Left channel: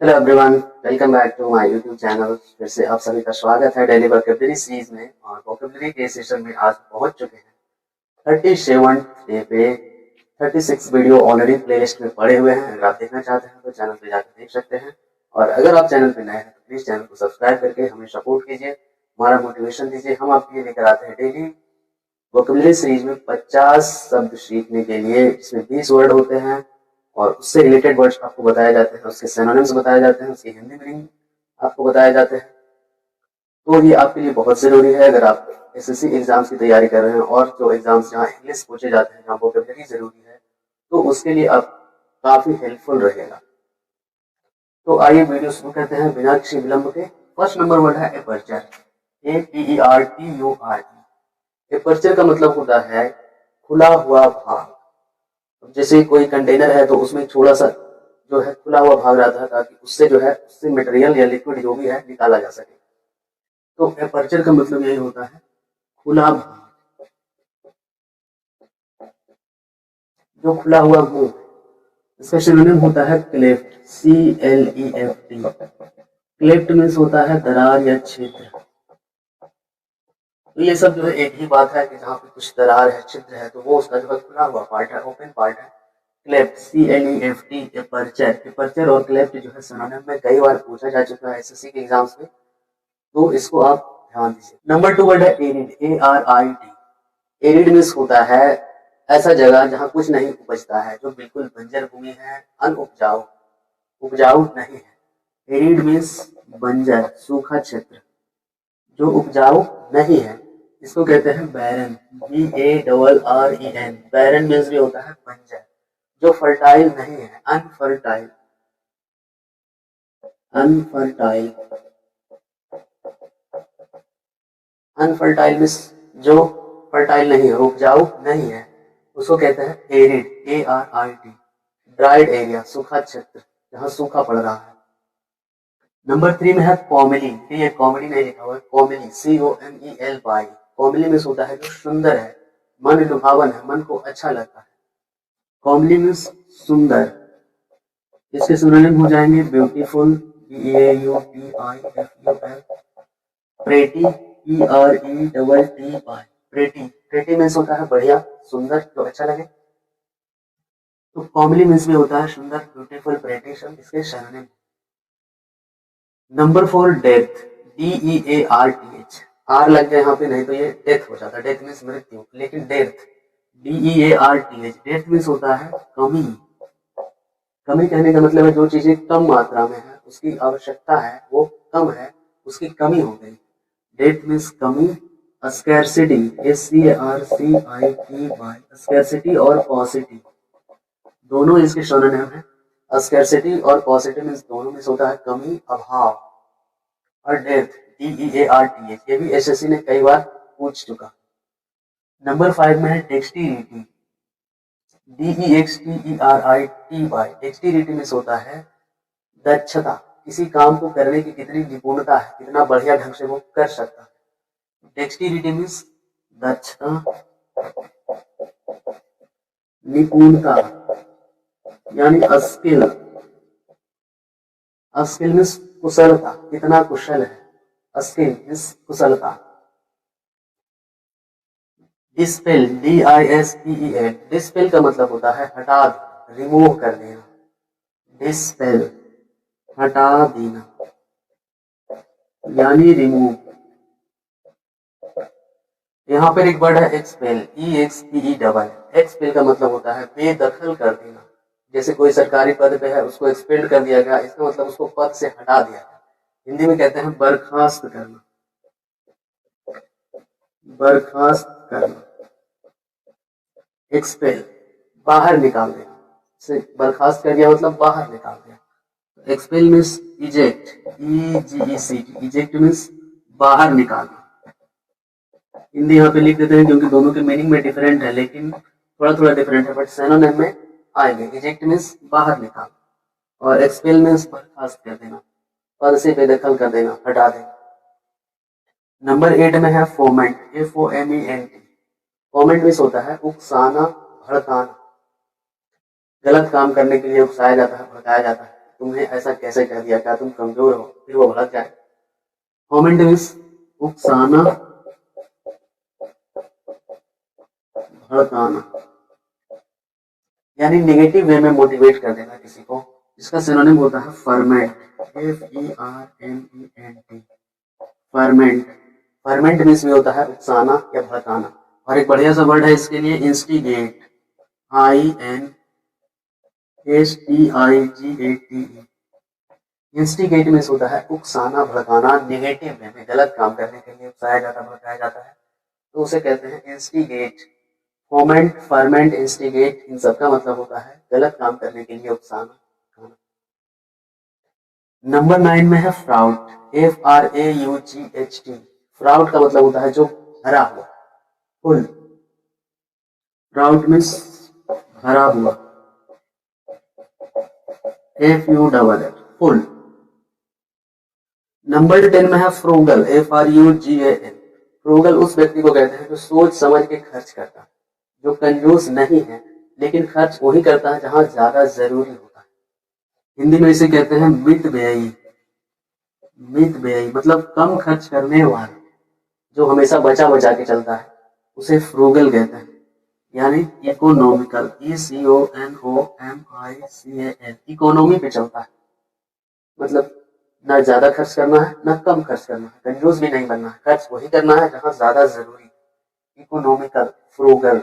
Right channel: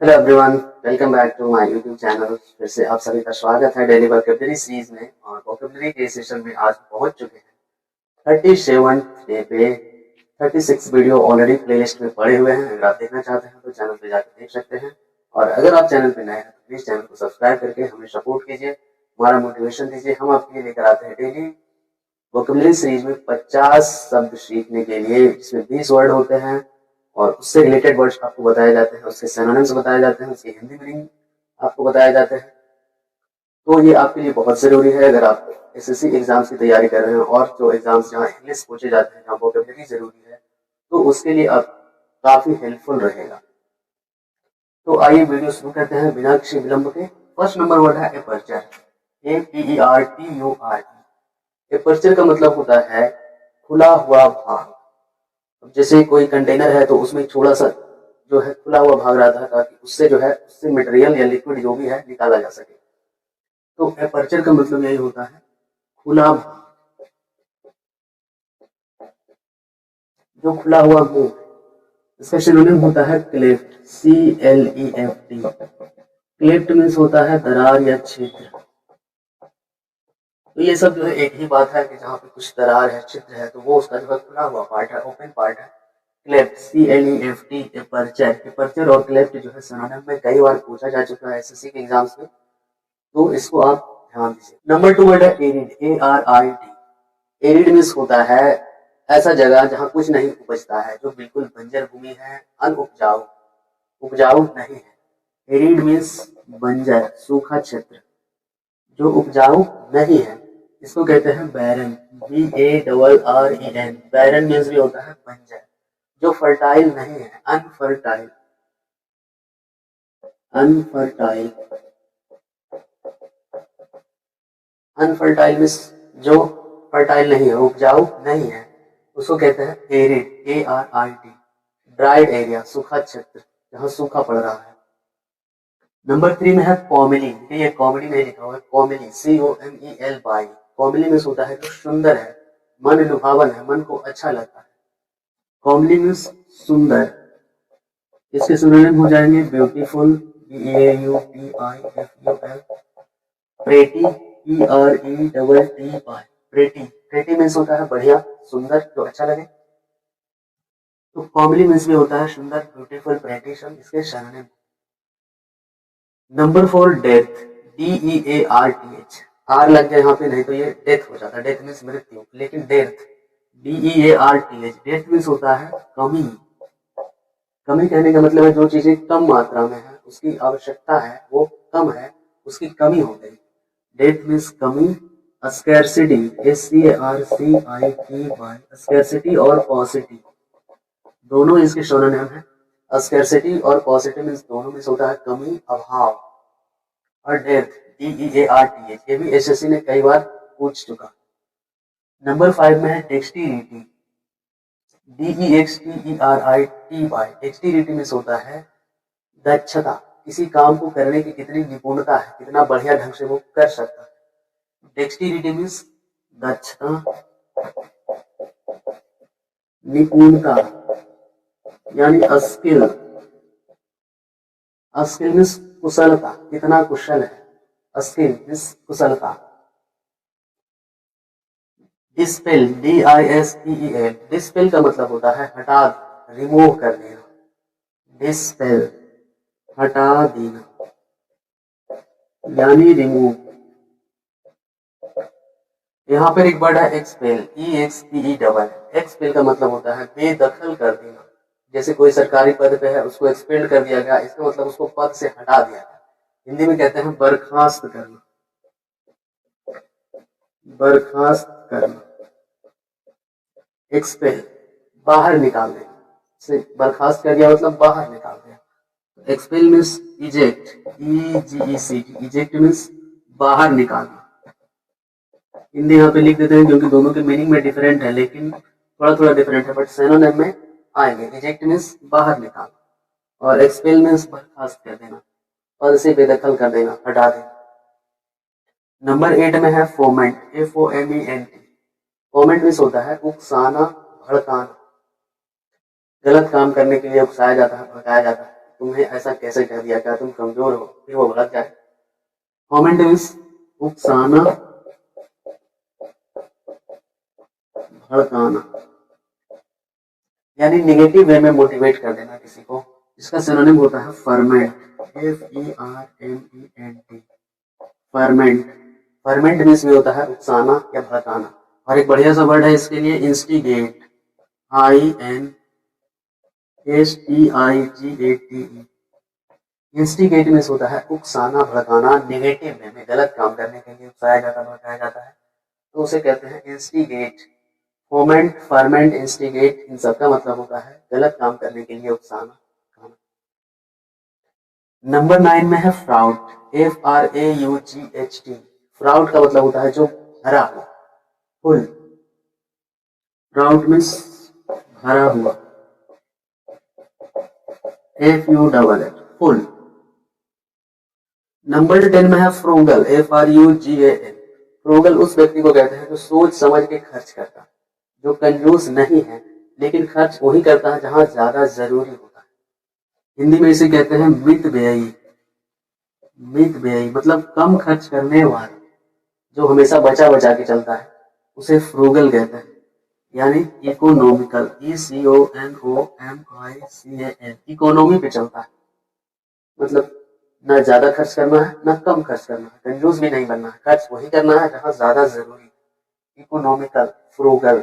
Hello everyone, welcome back to my YouTube channel. फिर से आप सभी का स्वागत है डेली वोकैबुलरी सीरीज में। और वोकैबुलरी के सेशन में आज पहुंच चुके हैं 37 डे पे। 36 वीडियो ऑलरेडी प्लेलिस्ट में पड़े हुए हैं। अगर आप देखना चाहते हैं तो चैनल पे जाकर देख सकते हैं। और अगर आप चैनल पे नए हैं तो प्लीज चैनल को सब्सक्राइब करके हमें सपोर्ट कीजिए, हमारा मोटिवेशन दीजिए। हम आपके लिए लेकर आते हैं डेली वोकैबुलरी सीरीज में 50 शब्द सीखने के लिए, जिसमें 20 वर्ड होते हैं और उससे रिलेटेड वर्ड्स आपको बताए जाते हैं, उसके सिनोनिम्स बताए जाते हैं, उसकी हिंदी मीनिंग आपको बताए जाते हैं। तो ये आपके लिए बहुत ज़रूरी है अगर आप एसएससी एग्जाम्स की तैयारी कर रहे हैं और जो एग्जाम्स जहाँ इंग्लिश पूछे जाते हैं, जहाँ वोकैबुलरी ज़रूरी है, तो उसके लिए आप काफ़ी हेल्पफुल रहेगा। तो आइए वीडियो शुरू करते हैं बिना किसी विलंब के। फर्स्ट नंबर वर्ड है एपर्चर, APERTURE। एपर्चर का मतलब होता है खुला हुआ भाग। जैसे कोई कंटेनर है तो उसमें थोड़ा सा जो है खुला हुआ भाग रहता है, ताकि उससे जो है उससे मटेरियल या लिक्विड जो भी है निकाला जा सके। तो एपर्चर का मतलब यही होता है खुला भाग, जो खुला हुआ मुंह। इसका सिनोनिम होता है क्लेफ्ट, CLEFT। क्लेफ्ट मीन्स होता है दरार या छिद्र। तो ये सब जो है एक ही बात है कि जहाँ पे कुछ दरार है, छिद्र है, तो वो उसका जो है खुला हुआ पार्ट है, ओपन पार्ट है। Cleft, CLEFT। एपर्चर, एपर्चर और क्लेफ्ट जो है सिनोनिम में कई बार पूछा जा चुका है एसएससी के एग्जाम्स में, तो इसको आप ध्यान दीजिए। नंबर 2 वर्ड है एरिड, ARID। एरिड मीन्स होता है ऐसा जगह जहाँ कुछ नहीं उपजता है, जो बिल्कुल बंजर भूमि है, अनउपजाऊ, उपजाऊ नहीं है। एरिड मीन्स बंजर, सूखा क्षेत्र, जो उपजाऊ नहीं है, इसको कहते हैं बैरन, BARREN। बैरन मीन्स भी होता है बंजर, जो फर्टाइल नहीं है, अनफर्टाइल। अनफर्टाइल, अनफर्टाइल मीन्स जो फर्टाइल नहीं है, उपजाऊ नहीं है, उसको कहते हैं एरिड, ARID। ड्राइड एरिया, सूखा क्षेत्र, जहाँ सूखा पड़ रहा है। नंबर 3 में है कॉमेली। ये कॉमेडी नहीं लिखा हुआ है, कॉमेली, COMELY। कॉमेली मीन्स होता है जो सुंदर है, मन लुभावन है, मन को अच्छा लगता है। कॉमेली मीन्स सुंदर। इसके सिनोनिम हो जाएंगे beautiful, BAUTIFUL। Pretty, PRETTY। Pretty, pretty means होता है बढ़िया, सुंदर, जो अच्छा लगे। तो कॉमेली मीन्स भी होता है सुंदर, ब्यूटीफुल, प्रेटी, सब इसके synonym. Number 4 death, DEARTH। R लग जाए यहाँ पे, नहीं तो ये डेथ हो जाता है। डेथ मीन्स मृत्यु, लेकिन डेथ, DEARTH। डेथ मीन्स होता है कमी। कमी कहने का मतलब है जो चीजें कम मात्रा में है, उसकी आवश्यकता है, वो कम है, उसकी कमी हो गई। डेथ मीन्स कमी। Scarcity, SCARCITY। स्कैरसिटी और पॉसिटी दोनों इसके सिनोनिम है। स्कैरसिटी और पॉसिटी मीन्स दोनों मीन्स होता है कमी, अभाव। और डेथ, DEARTH, ये भी एसएससी ने कई बार पूछ चुका। नंबर 5 में है डेक्सटिरिटी, DEXTERITY। डेक्सटिरिटी मीन्स होता है दक्षता, किसी काम को करने की कितनी निपुणता है, कितना बढ़िया ढंग से वो कर सकता है। डेक्सटिरिटी मीन्स दक्षता, निपुणता, यानी स्किल। स्किल मीन्स कुशलता, कितना कुशल है, स्किल मीन्स कुशलता। Dispel, DISPEL। डिस्पेल का मतलब होता है हटा, रिमूव कर देना। डिस्पेल, हटा देना, यानी रिमूव। यहाँ पर एक वर्ड है एक्सपेल, EXPEL। एक्सपेल का मतलब होता है बेदखल कर देना। जैसे कोई सरकारी पद पे है, उसको एक्सपेल कर दिया गया, इसका मतलब उसको पद से हटा दिया गया। हिंदी में कहते हैं बर्खास्त करना, बर्खास्त करना। एक्सपेल, बाहर निकाल देना, से बर्खास्त कर दिया मतलब बाहर निकाल दिया। Expel means eject, EGECT। Eject means बाहर निकालना। हिंदी यहाँ पे लिख देते हैं क्योंकि दोनों के मीनिंग में डिफरेंट है, लेकिन थोड़ा थोड़ा डिफरेंट है, बट सिनोनिम में आएंगे। इजेक्ट मीन्स बाहर निकालना और एक्सपेल मीन्स बर्खास्त कर देना, पद से बेदखल कर देना, हटा देना। नंबर 8 में है फोमेंट, FOMENT। फोमेंट मीन्स होता है उकसाना, भड़काना। गलत काम करने के लिए उकसाया जाता है, भड़काया जाता है। तुम्हें ऐसा कैसे कह दिया, क्या तुम कमजोर हो, फिर वो भड़क जाए। फोमेंट मीन्स उकसाना, भड़काना, यानी निगेटिव वे में मोटिवेट कर देना किसी को। इसका सिनोनिम होता है ferment, FERMENT, ferment. Ferment means भी होता है उकसाना या भड़काना। और एक बढ़िया सा वर्ड है इसके लिए, इंस्टिगेट, INSTIGATE। इंस्टिगेट मीन्स होता है उकसाना, भड़काना, नेगेटिव वे में, गलत काम करने के लिए उकसाया जाता है, भड़काया जाता है, तो उसे कहते हैं इंस्टिगेट। फोमेंट, फर्मेंट, इंस्टिगेट, इन सब का मतलब होता है गलत काम करने के लिए उकसाना। नंबर 9 में है फ्राउट, FRAUGHT। फ्राउट का मतलब होता है जो भरा हुआ, फुल। फ्राउट मीन्स भरा हुआ, FULL, फुल। नंबर 10 में है फ्रूगल, FRUGAL। फ्रूगल उस व्यक्ति को कहते हैं जो सोच समझ के खर्च करता है, जो कंजूस नहीं है, लेकिन खर्च वही करता है जहां ज्यादा जरूरी होता है। हिंदी में इसे कहते हैं मितव्ययी। मितव्ययी मतलब कम खर्च करने वाला, जो हमेशा बचा बचा के चलता है, उसे फ्रूगल कहते हैं। यानी इकोनॉमिकल, ECONOMICAL, इकोनॉमी पे चलता है, मतलब ना ज्यादा खर्च करना है ना कम खर्च करना है, कंजूस भी नहीं बनना है, खर्च वही करना है जहां ज्यादा जरूरी। Economical, frugal.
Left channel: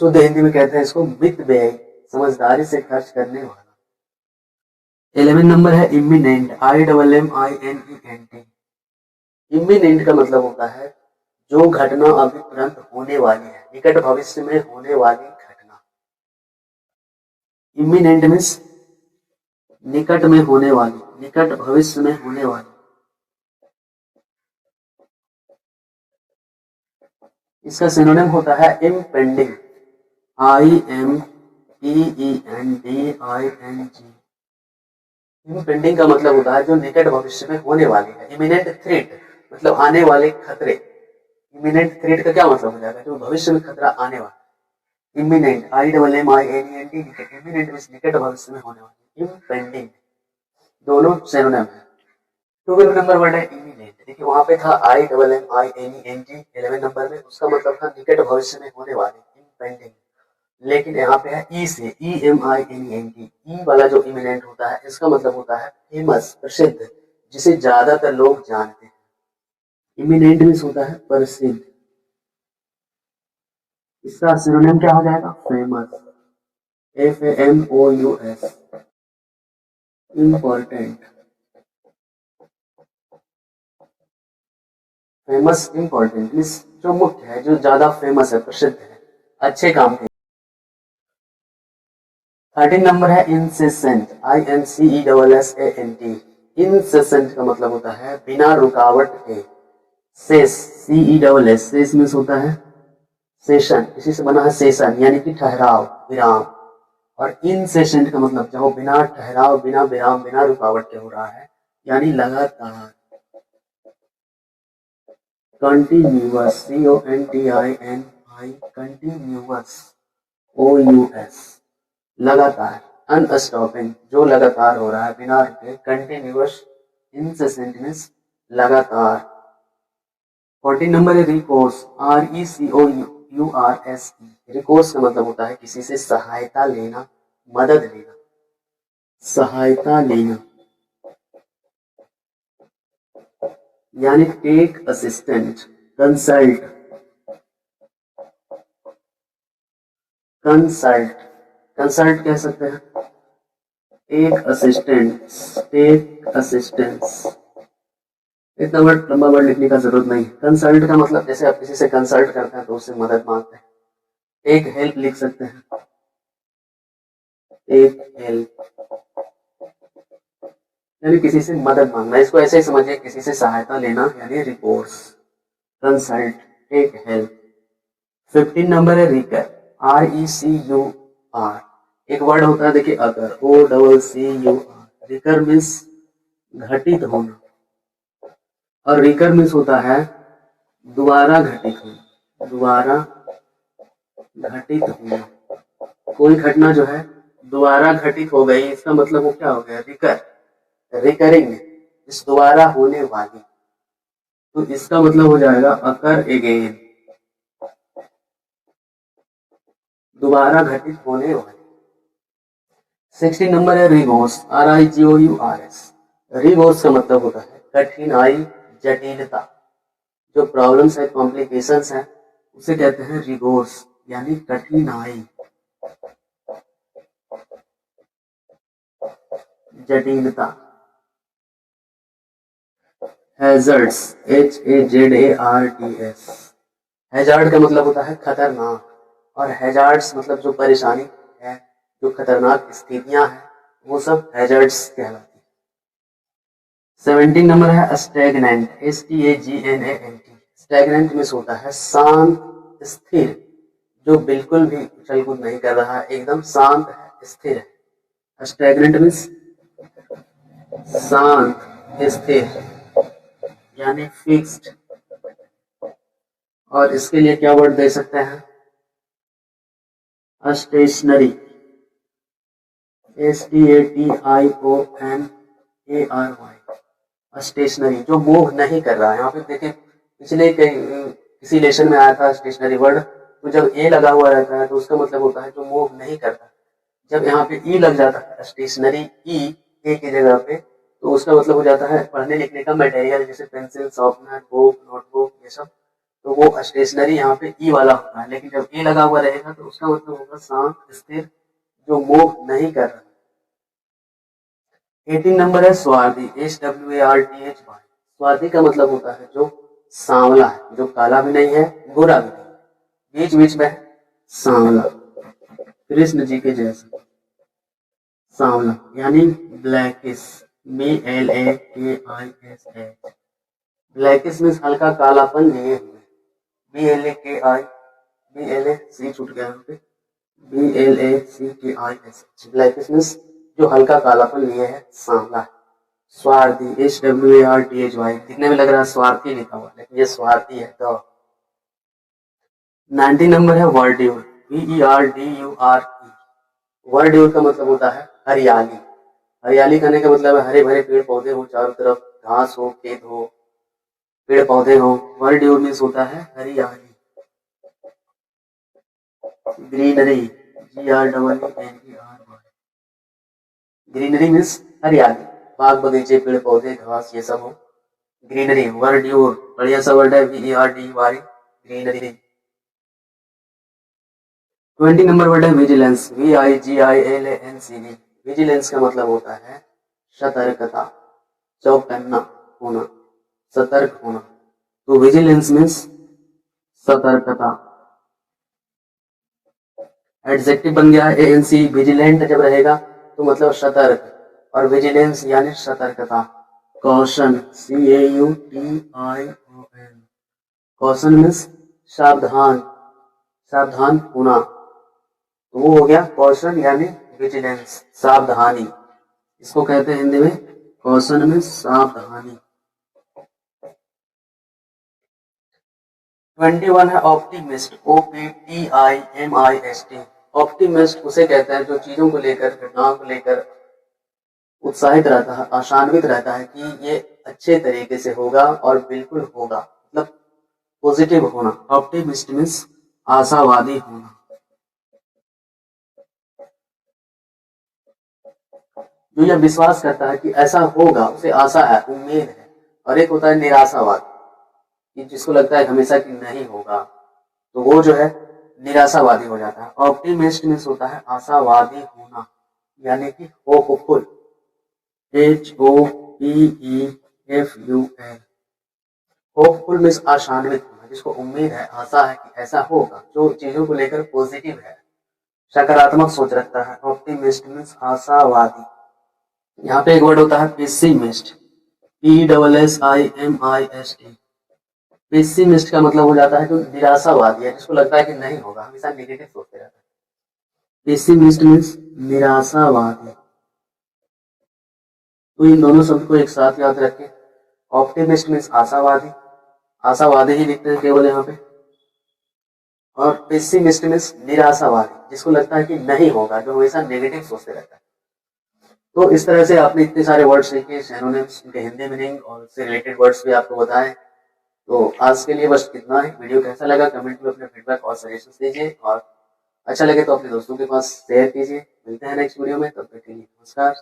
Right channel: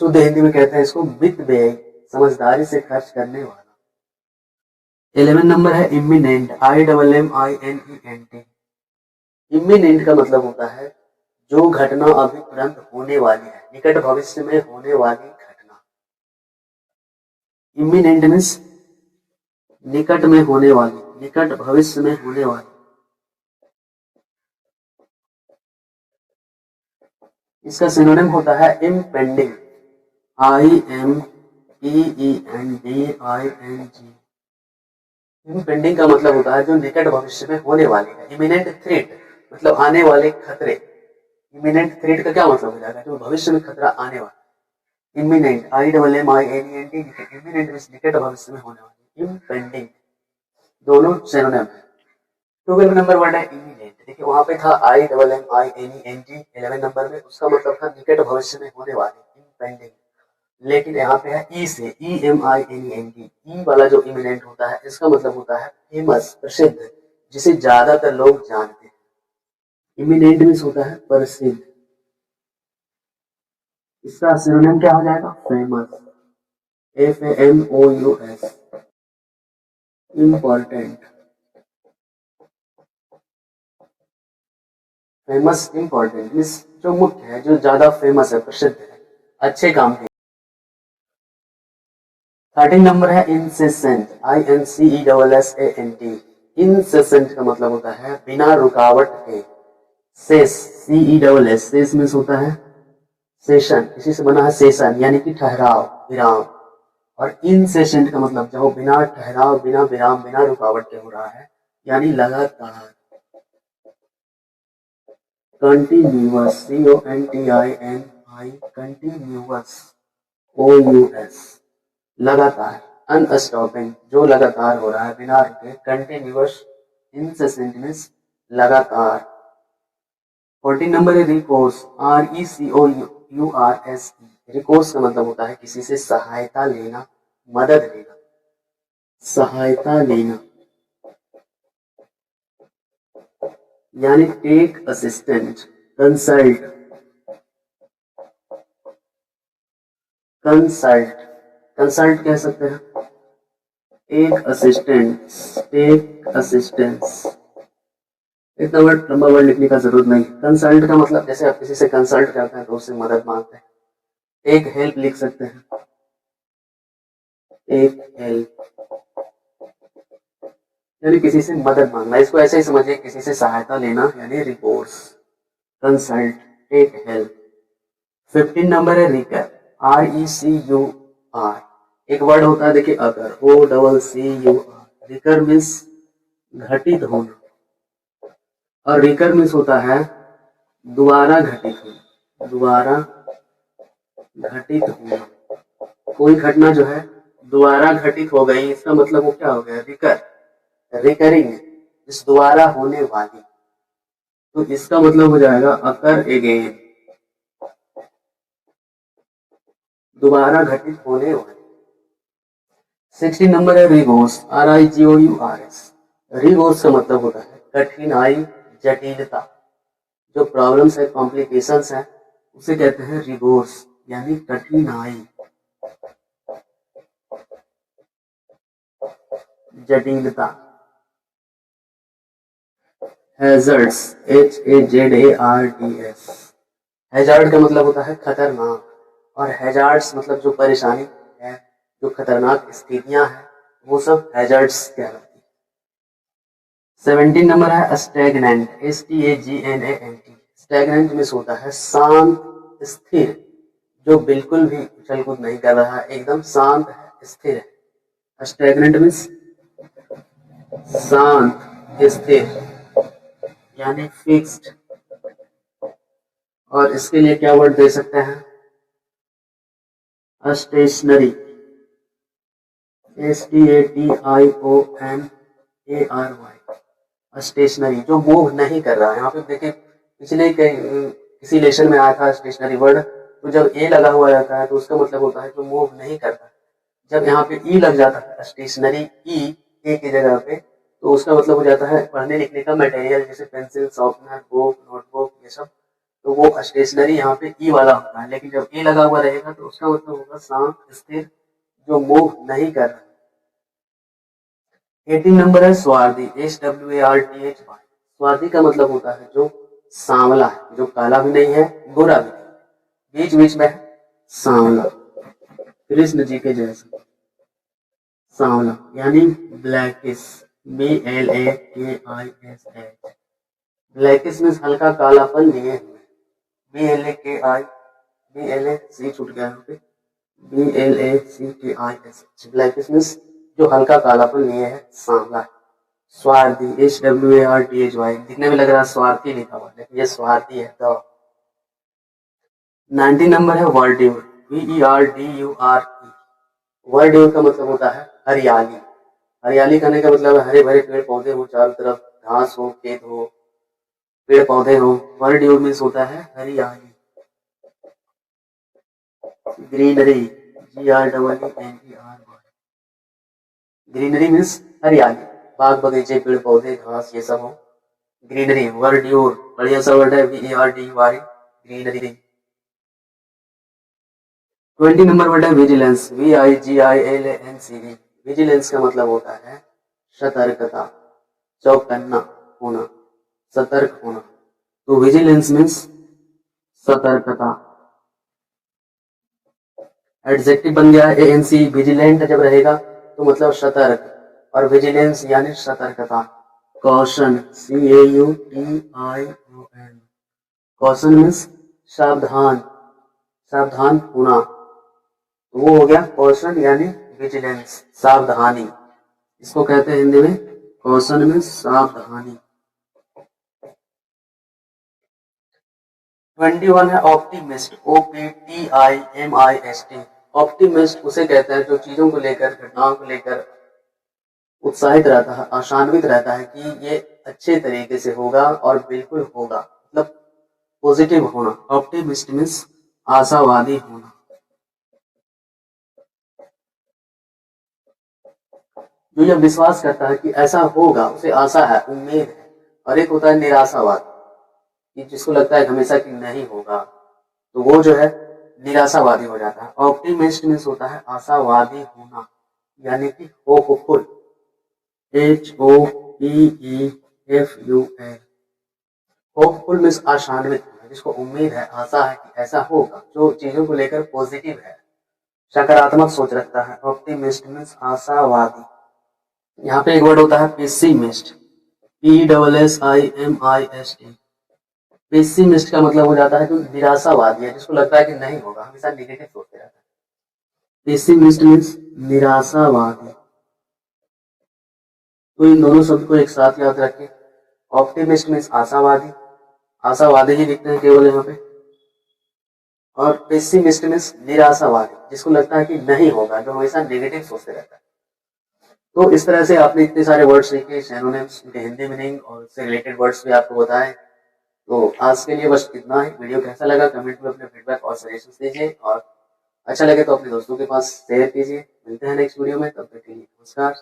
शुद्ध हिंदी में कहते हैं इसको मितव्ययी, समझदारी से खर्च करने वाला। 11 नंबर है इमिनेंट, IMMINENT। इमिनेंट का मतलब होता है जो घटना अभी तुरंत होने वाली है, निकट भविष्य में होने वाली घटना। इमिनेंट मीन्स निकट में होने वाली, निकट भविष्य में होने वाली। इसका सिनोनिम होता है इम्पेंडिंग, IMPENDING। इम्पेंडिंग का मतलब होता है जो निकट भविष्य में होने वाली है। इमिनेंट थ्रेट मतलब आने वाले खतरे। इमिनेंट थ्रेट का क्या मतलब हो जाएगा, जो भविष्य में खतरा आने वाला। इमिनेंट, IMMINENT, इमिनेंट मीन्स निकट भविष्य में होने वाली, इम्पेंडिंग, दोनों सिनोनिम है। 12 नंबर वर्ड है इमिनेंट। देखिए वहां पे था IMMINENT 11 नंबर में, उसका मतलब था निकट भविष्य में होने वाली, इम्पेंडिंग। लेकिन यहाँ पे है ई से, EMINENT। ई वाला जो इमिनेंट होता है इसका मतलब होता है फेमस, प्रसिद्ध, जिसे ज्यादातर लोग जानते हैं। इमिनेंट मीन्स होता है प्रसिद्ध। इसका सिनोनिम क्या हो जाएगा, famous, FAMOUS। Important, famous, important means जो मुख्य है, जो ज्यादा फेमस है, प्रसिद्ध है, अच्छे काम के। 13 नंबर है इंसेसेंट, INCESSANT। इंसेसेंट का मतलब होता है बिना रुकावट के। सेस, CESS, सेस मीन्स होता है सेशन, इसी से बना है सेशन, यानी कि ठहराव, विराम। और इनसेसेंट का मतलब जो बिना ठहराव, बिना विराम, बिना रुकावट के हो रहा है, यानी लगातार। कंटिन्यूअस, CONTINI, कंटिन्यूअस, OUS, लगातार। अनस्टॉपिंग, जो लगातार हो रहा है बिना रुके, कंटिन्यूअस, इंसेसेंट मीन्स लगातार। 14 नंबर है रिकोर्स, RECOURSE। रिकोर्स का मतलब होता है किसी से सहायता लेना, मदद लेना, सहायता लेना, यानी take assistant, consult, consult, consult कह सकते हैं। टेक असिस्टेंस, टेक असिस्टेंस, इतना वर्ड, लंबा वर्ड लिखने का जरूरत नहीं। कंसल्ट का मतलब जैसे आप किसी से कंसल्ट करते हैं तो उससे मदद मांगते हैं। टेक हेल्प लिख सकते हैं, टेक हेल्प, यानी किसी से मदद मांगना। इसको ऐसे ही समझिए, किसी से सहायता लेना, यानी recourse, consult, take help. 15 number है रिकर, RECUR। एक वर्ड होता है देखिए अगर, OCCUR। रिकर मीन्स घटित होना, और रिकर मीन्स होता है दोबारा घटित होना, दोबारा घटित होना। कोई घटना जो है दोबारा घटित हो गई, इसका मतलब वो क्या हो गया, रिकरिंग, इस दोबारा होने वाली, तो इसका मतलब हो जाएगा अकर अगेन, दोबारा घटित होने वाली। 16 नंबर है रिगोर्स, RIGOURS। रिगोर्स का मतलब होता है कठिनाई, जटिलता, जो प्रॉब्लम्स है, कॉम्प्लिकेशंस है, उसे कहते हैं रिगोर्स, यानी कठिनाई, जटिलता। हैजर्ड्स, HAZARDS, हैजार्ड का मतलब होता है खतरनाक, और हैजार्ड्स मतलब जो परेशानी है, जो खतरनाक स्थितियां हैं, वो सब हैजार्ड्स कहलाती है। 17 नंबर है स्टैग्नेंट, STAGNANT। स्टैग्नेंट में होता है शांत, स्थिर, जो बिल्कुल भी उछल कूद नहीं कर रहा है, एकदम शांत है, स्थिर है। स्टैग्नेंट मीन्स शांत, स्थिर, यानी फिक्स्ड। और इसके लिए क्या वर्ड दे सकते हैं, स्टेशनरी, STATIONARY, स्टेशनरी, जो मूव नहीं कर रहा है। यहाँ पे देखिए पिछले किसी लेसन में आया था स्टेशनरी वर्ड, तो जब ए लगा हुआ रहता है तो उसका मतलब होता है जो मूव नहीं करता। जब यहाँ पे ई लग जाता है स्टेशनरी, ई ए की जगह पे, तो उसका मतलब हो जाता है पढ़ने लिखने का मटेरियल, जैसे पेंसिल, शॉर्पनर, बुक, नोटबुक, ये सब, तो वो स्टेशनरी यहाँ पे ई वाला होता है। लेकिन जब ए लगा हुआ रहेगा तो उसका मतलब होगा शांत, स्थिर, जो मूव नहीं कर रहा। 18 नंबर है स्वार्थी, SWARTH। स्वार्थी का मतलब होता है जो सांवला है, जो काला भी नहीं है, गोरा भी नहीं है, बीच बीच में है, सांवला, कृष्ण जी के जैसा सांवला, यानी ब्लैकिश, BLAKISH। ब्लैकिश मीन्स हल्का कालापन लिए हुए, BLAKI, छूट गया यहाँ पे, BLACKISH। ब्लैकिश मीन्स जो हल्का कालापन लिए है, सांवला है। स्वार्थी, SWARTHY, दिखने में लग रहा है स्वार्थी लिखा हुआ, लेकिन ये स्वार्थी है। तो 19 नंबर है वर्ड्यूर, VERDURE। वर्ड्यूर का मतलब होता है हरियाली। हरियाली कहने का मतलब है हरे भरे पेड़ पौधे हो, चारों तरफ घास हो, खेत हो, पेड़ पौधे हो। वर्ड्यूर मीन्स होता है हरियाली। ग्रीनरी, GREENER, ग्रीनरी मीन्स हरियाली, बाग बगीचे, पेड़ पौधे, घास, ये सब हो, ग्रीनरी। वर्ड्यूर बढ़िया सा वर्ड है, VERDY, ग्रीनरी। 20 नंबर वर्ड है विजिलेंस, VIGILANCE। विजिलेंस का मतलब होता है सतर्कता, चौकन्ना होना, सतर्क होना। तो विजिलेंस मीन्स सतर्कता। एडजेक्टिव बन गया है ANC। विजिलेंट जब रहेगा तो मतलब सतर्क, और विजिलेंस यानी सतर्कता। कॉशन, CAUTION, कॉशन मीन्स सावधान, सावधान होना, तो वो हो गया कॉशन यानी विजिलेंस, सावधानी। इसको कहते हैं हिंदी में कॉशन में सावधानी। 21 है ऑप्टिमिस्ट, OPTIMIST। ऑप्टिमिस्ट उसे कहते हैं जो चीजों को लेकर, घटनाओं को लेकर उत्साहित रहता है, आशान्वित रहता है कि ये अच्छे तरीके से होगा और बिल्कुल होगा, मतलब पॉजिटिव होना। ऑप्टिमिस्ट मीन्स आशावादी होना, जो यह विश्वास करता है कि ऐसा होगा, उसे आशा है, उम्मीद है। और एक होता है निराशावाद, कि जिसको लगता है हमेशा कि नहीं होगा, तो वो जो है निराशावादी हो जाता है। ऑप्टिमिस्ट मीन्स होता है आशावादी होना, यानी कि होपफुल, HOPEFUL। होपफुल मीन्स आशान्वित होना, जिसको उम्मीद है, आशा है कि ऐसा होगा, जो चीजों को लेकर पॉजिटिव है, सकारात्मक सोच रखता है। ऑप्टिमिस्ट मीन्स आशावादी। यहाँ पे एक वर्ड होता है पेसिमिस्ट, PSSIMIST। पेसिमिस्ट का मतलब हो जाता है जो निराशावादी है, जिसको लगता है कि नहीं होगा, हमेशा नेगेटिव सोचते रहता है। पेसिमिस्ट मीन्स निराशावादी। तो इन दोनों शब्द को एक साथ याद रखें। ऑप्टिमिस्ट मीन्स आशावादी, आशावादी ही लिखते हैं केवल यहाँ पे। और पेसिमिस्ट मीन्स निराशावादी, जिसको लगता है कि नहीं होगा, जो हमेशा नेगेटिव सोचते रहता है। तो इस तरह से आपने इतने सारे वर्ड्स सीखे, सिनोनिम्स, उनके हिंदी मीनिंग और उससे रिलेटेड वर्ड्स भी आपको बताए। तो आज के लिए बस इतना ही। वीडियो कैसा लगा कमेंट में अपने फीडबैक और सजेशंस दीजिए, और अच्छा लगे तो अपने दोस्तों के पास शेयर कीजिए। मिलते हैं नेक्स्ट वीडियो में, तब तक के लिए नमस्कार।